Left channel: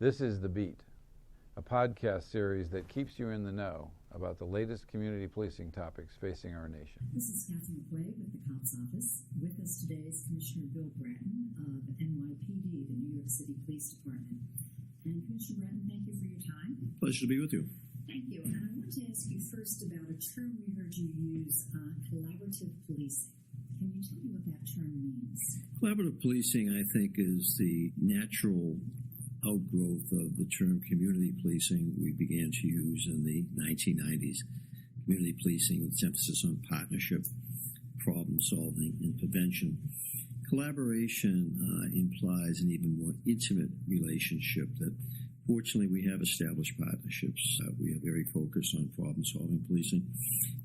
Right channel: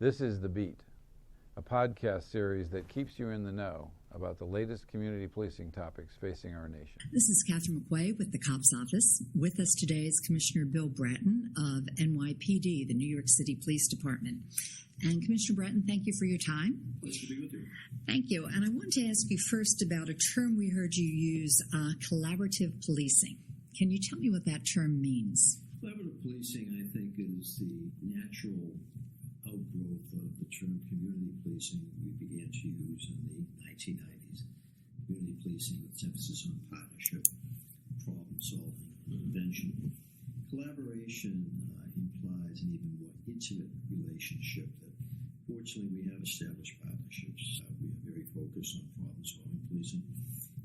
This is The Beat, a podcast series that keeps you in the know about the latest community policing topics facing our nation. This is Catherine McQuay with the COPS Office. With us today is Commissioner Bill Bratton of NYPD, the New York City Police Department. And Commissioner Bratton, thank you for your time. Pleasure to be with you. Thank you. And I wanted to ask you first about a term we heard you use, collaborative policing. Can you tell me what that term means? Collaborative policing, I think, is the natural outgrowth of the term community policing we began to use in the 1990s. Community policing with its emphasis on partnership, problem solving, and prevention. Collaboration implies an even more intimate relationship that fortunately we have established partnerships. We are very focused on problem solving policing,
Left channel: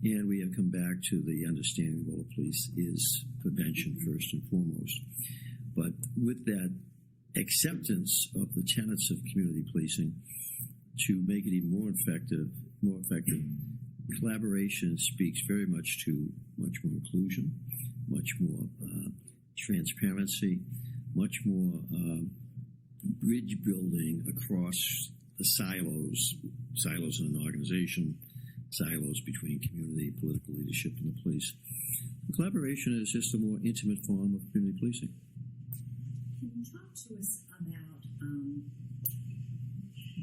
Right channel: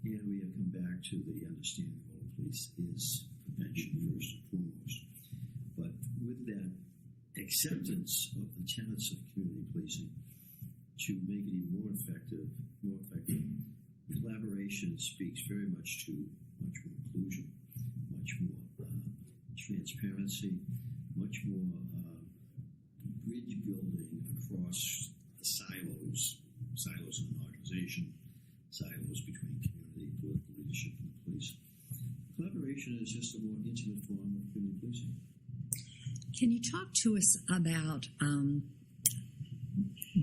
and we have come back to the understanding the role of police is prevention first and foremost. But with that acceptance of the tenets of community policing, to make it even more effective, collaboration speaks very much to much more inclusion, much more transparency, much more bridge building across the silos in an organization, silos between community, political leadership, and the police. Collaboration is just a more intimate form of community policing. Can you talk to us about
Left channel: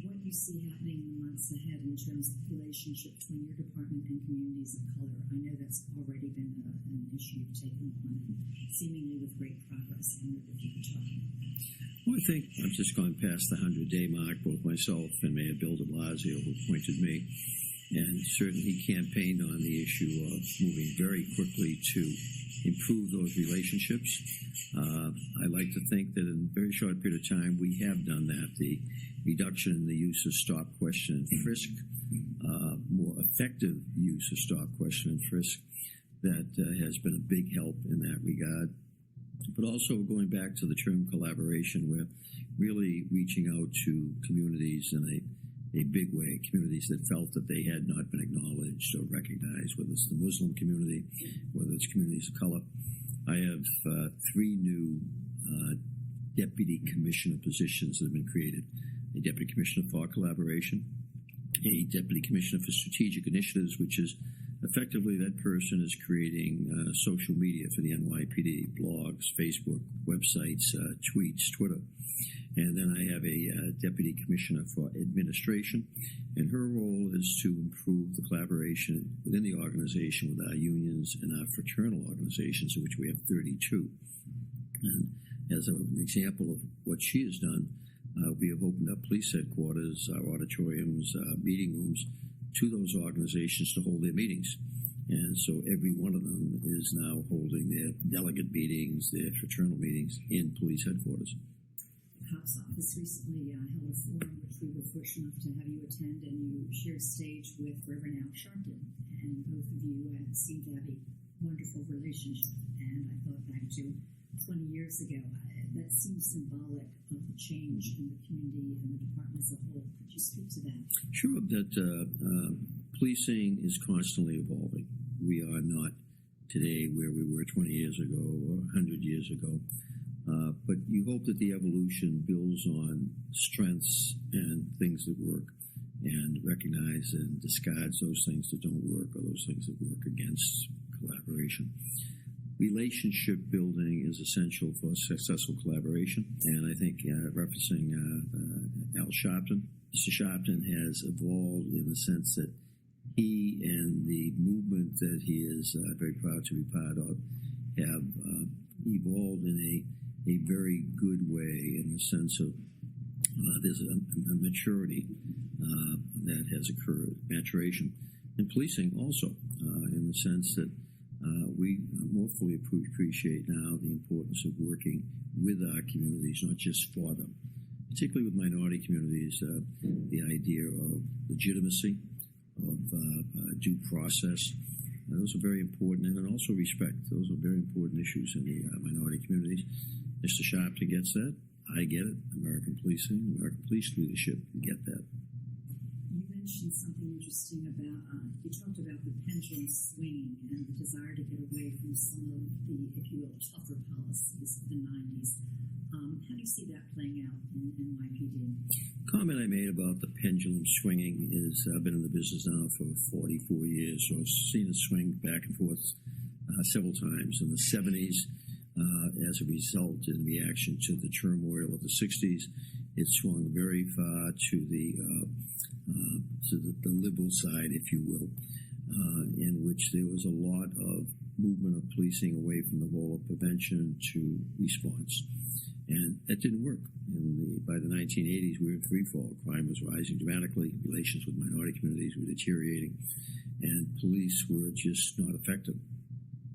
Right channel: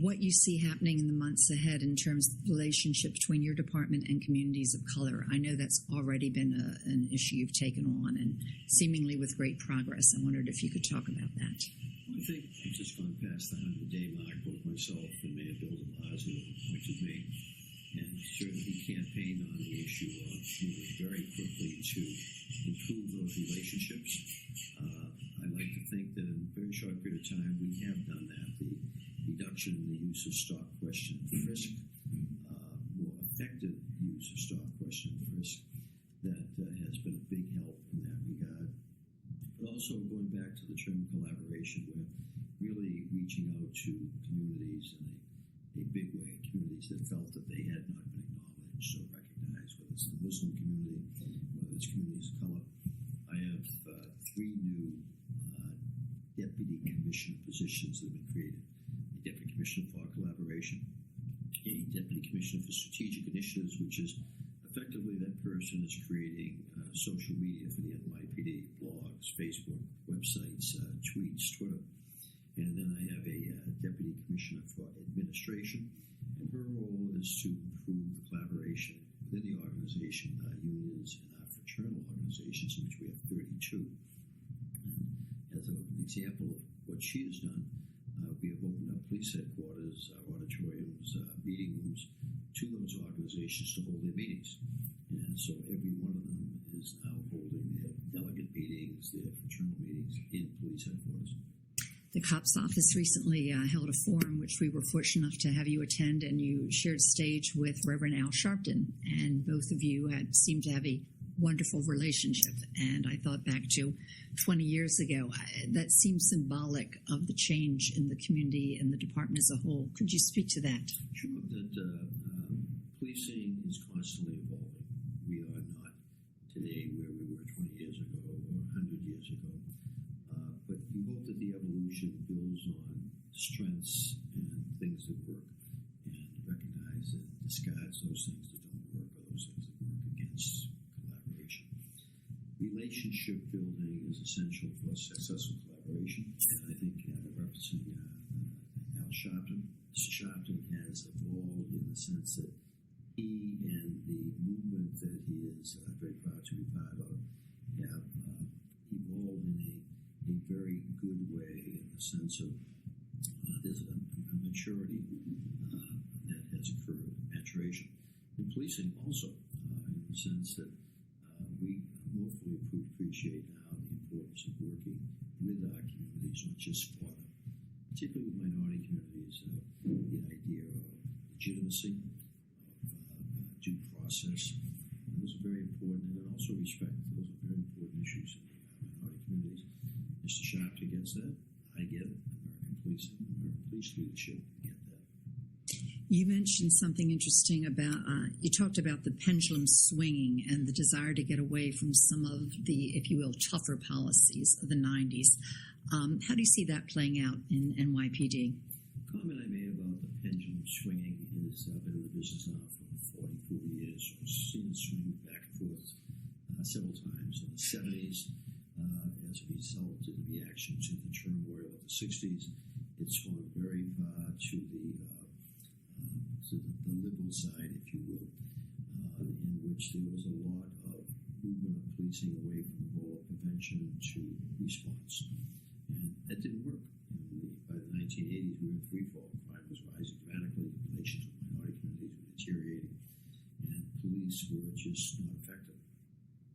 what you see happening in the months ahead in terms of the relationship between your department and communities of color? I know that's already been an issue you've taken on, and seemingly with great progress. I wondered if you could talk about that. Well, I think I've just gone past the 100-day mark, both myself and Mayor Bill de Blasio, who appointed me, and certainly he campaigned on the issue of moving very quickly to improve those relationships. I like to think that in a very short period of time we have done that. The reduction in the use of stop, question, and frisk, more effective use of stop, question, and frisk, that has been a big help in that regard. But also going back to the term collaboration, we're really reaching out to communities in a big way, communities that felt that they had not been acknowledged or recognized, whether it's the Muslim community, whether it's communities of color. I have three new deputy commissioner positions that have been created. A deputy commissioner for collaboration, a deputy commissioner for strategic initiatives, which is effectively that person is creating social media for the NYPD, blogs, Facebook, websites, tweets, Twitter. And then I have a deputy commissioner for administration, and her role is to improve the collaboration within the organization with our unions and our fraternal organizations, of which we have 32. And as an example of what she has done, we have opened up police headquarters, our auditoriums, meeting rooms to those organizations to hold their meetings. And so every one of them is now holding their delegate meetings, their fraternal meetings in police headquarters. The COPS Office recently held a forum, which we were fortunate enough to have you attend, and you shared stage with Reverend Al Sharpton, and both of you seemed to have a wonderful relationship. And I thought back to 20 years ago. That seems symbolic of the change in the community and the department as a whole. Could you speak to that? Sure. That policing is constantly evolving. We are not today where we were 20 years ago or 100 years ago. But you hope that the evolution builds on strengths and things that work, and recognize and discards those things that don't work or those things that work against collaboration. Relationship building is essential for successful collaboration, and I think referencing Al Sharpton, Mr. Sharpton has evolved in the sense that he and the movement that he is very proud to be part of have evolved in a very good way, in the sense of there's a maturity that has occurred, maturation. In policing also, in the sense that we more fully appreciate now the importance of working with our communities, not just for them. Particularly with minority communities, the idea of legitimacy, of due process, those are very important, and then also respect. Those are very important issues in the minority communities. Mr. Sharpton gets that. I get it. American policing, American police leadership get that. You mentioned something interesting about, you talked about the pendulum swinging and the desire to get away from some of the, if you will, tougher policies of the 90s. How do you see that playing out in NYPD? comment I made about the pendulum swinging is I've been in the business now for 44 years, so I've seen it swing back and forth several times. In the 70s, as a result, in reaction to the turmoil of the 60s, it swung very far to the liberal side, if you will, in which there was a lot of movement of policing away from the role of prevention to response. And that didn't work. By the 1980s, we were in free fall. Crime was rising dramatically. Relations with minority communities were deteriorating. And police were just not effective.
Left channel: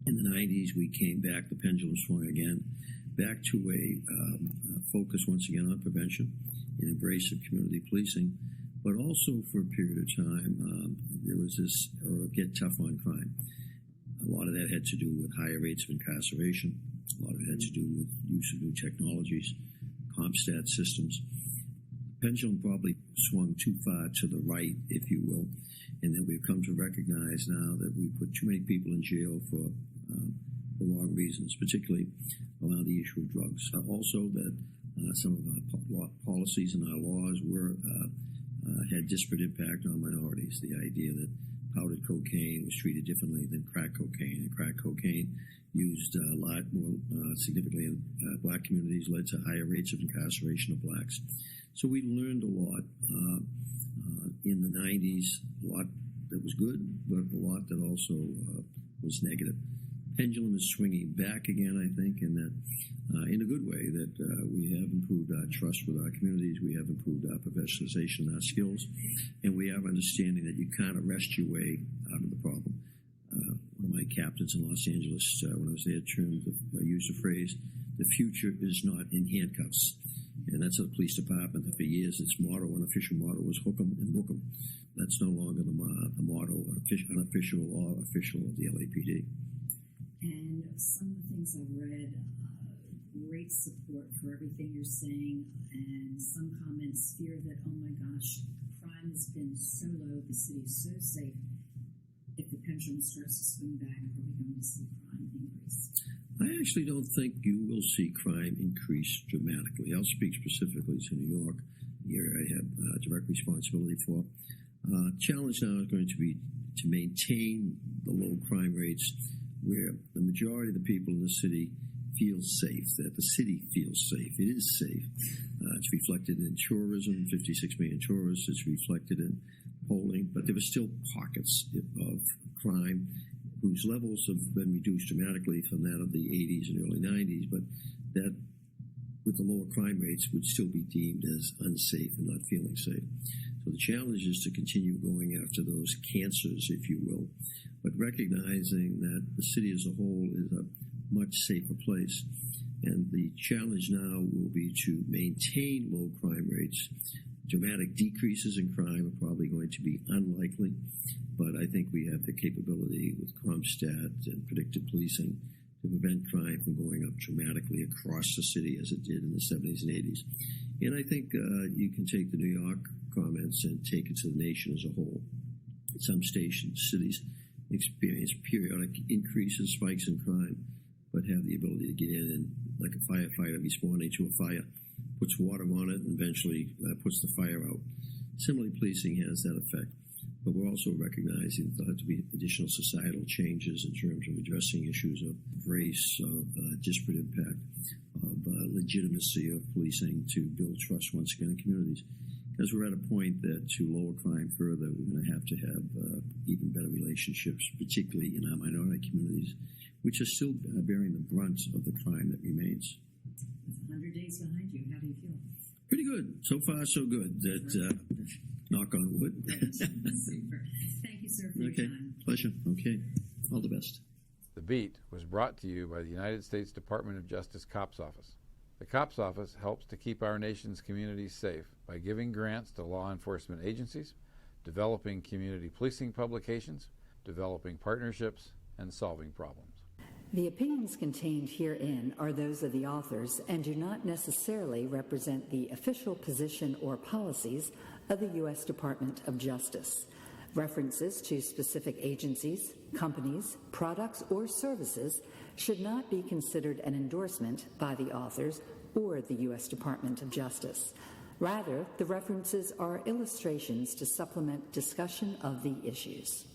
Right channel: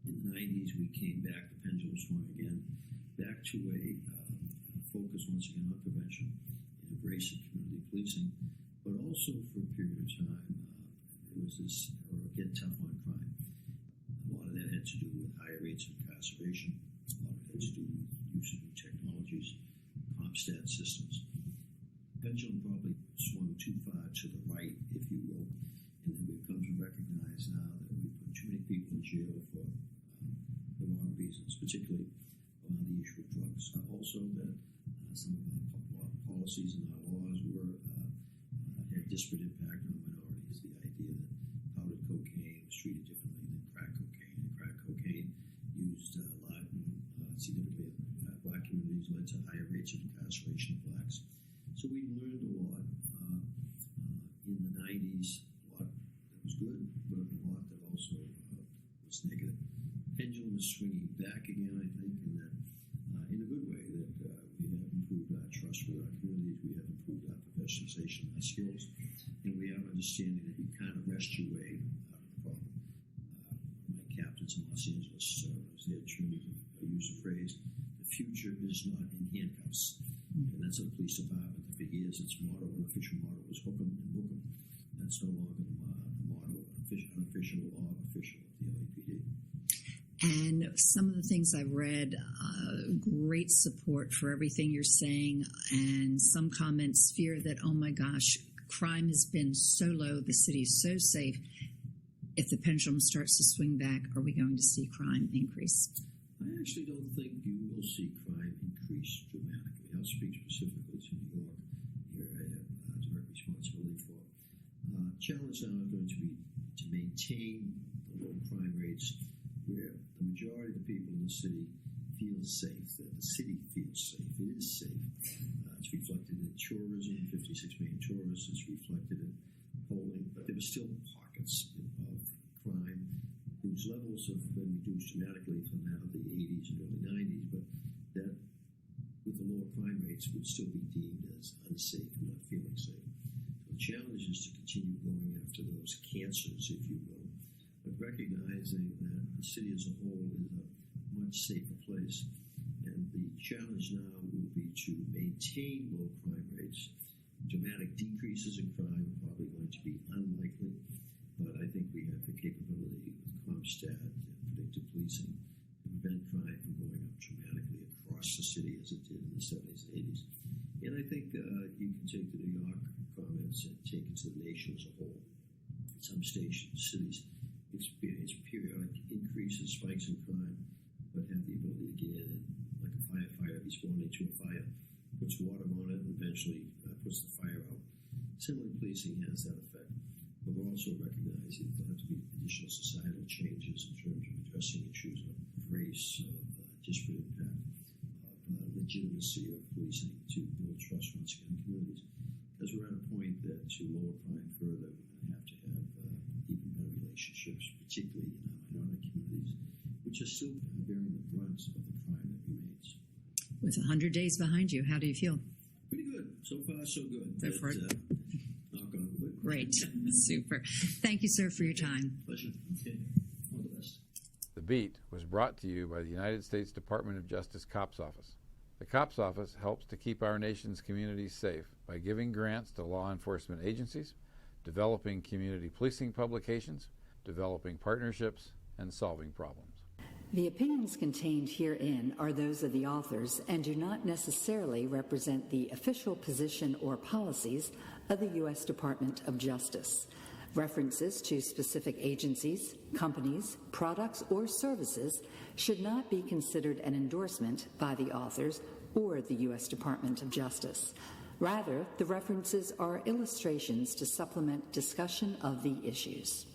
In the 90s, we came back. The pendulum swung again, back to a focus once again on prevention, an embrace of community policing. But also for a period of time, there was this get tough on crime. A lot of that had to do with higher rates of incarceration. A lot of it had to do with use of new technologies, CompStat systems. Pendulum probably swung too far to the right, if you will, and that we've come to recognize now that we put too many people in jail for the wrong reasons, particularly around the issue of drugs. Also that some of our policies and our laws had disparate impact on minorities. The idea that powdered cocaine was treated differently than crack cocaine, and crack cocaine used a lot more significantly in black communities, led to higher rates of incarceration of blacks. So we learned a lot in the 90s, a lot that was good, but a lot that also was negative. Pendulum is swinging back again, I think, in that, in a good way, that we have improved our trust with our communities, we have improved our professionalization, our skills, and we have understanding that you can't arrest your way out of the problem. One of my captains in Los Angeles, when I was there, used the phrase, "The future is not in handcuffs." And that's the police department that for years its motto, unofficial motto, was hook 'em and book 'em. That's no longer the motto, unofficial or official of the LAPD. And some of the things I've read, great support for everything you're saying, and some comments fear that, oh my gosh, crime has been so low, the city is so safe. If the pendulum starts to swing back, are we going to see crime increase? I actually don't think you will see crime increase dramatically. I'll speak specifically to New York, the area I have direct responsibility for. Challenge now is going to be to maintain the low crime rates where the majority of the people in the city feel safe, that the city feels safe. It is safe. It's reflected in tourism, 56 million tourists. It's reflected in polling, but there are still pockets of crime whose levels have been reduced dramatically from that of the 80s and early 90s, but that, with the lower crime rates, would still be deemed as unsafe and not feeling safe. So the challenge is to continue going after those cancers, if you will, but recognizing that the city as a whole is a much safer place. And the challenge now will be to maintain low crime rates. Dramatic decreases in crime are probably going to be unlikely, but I think we have the capability with CompStat and predictive policing to prevent crime from going up dramatically across the city as it did in the 70s and 80s. And I think you can take the New York comments and take it to the nation as a whole. Some cities experience periodic increases, spikes in crime, but have the ability to get in and, like a firefighter responding to a fire, puts water on it and eventually puts the fire out. Similarly, policing has that effect. But we're also recognizing that there have to be additional societal changes in terms of addressing issues of race, of disparate impact, of legitimacy of policing to build trust once again in communities. Because we're at a point that to lower crime further, we're going to have even better relationships, particularly in our minority communities, which are still bearing the brunt of the crime that remains. With 100 days behind you, how do you feel? Pretty good. So far, so good. Knock on wood. Great. Super. Thank you, sir, for your time. Pleasure. Okay. All the best. The Beat was brought to you by the United States Department of Justice Cops Office. The Cops Office helps to keep our nation's communities safe by giving grants to law enforcement agencies, developing community policing publications, developing partnerships, and solving problems. The opinions contained herein are those of the authors and do not necessarily represent the official position or policies of the U.S. Department of Justice. References to specific agencies, companies, products, or services should not be considered an endorsement by the authors or the U.S. Department of Justice. Rather, the references are illustrations to supplement discussion of the issues.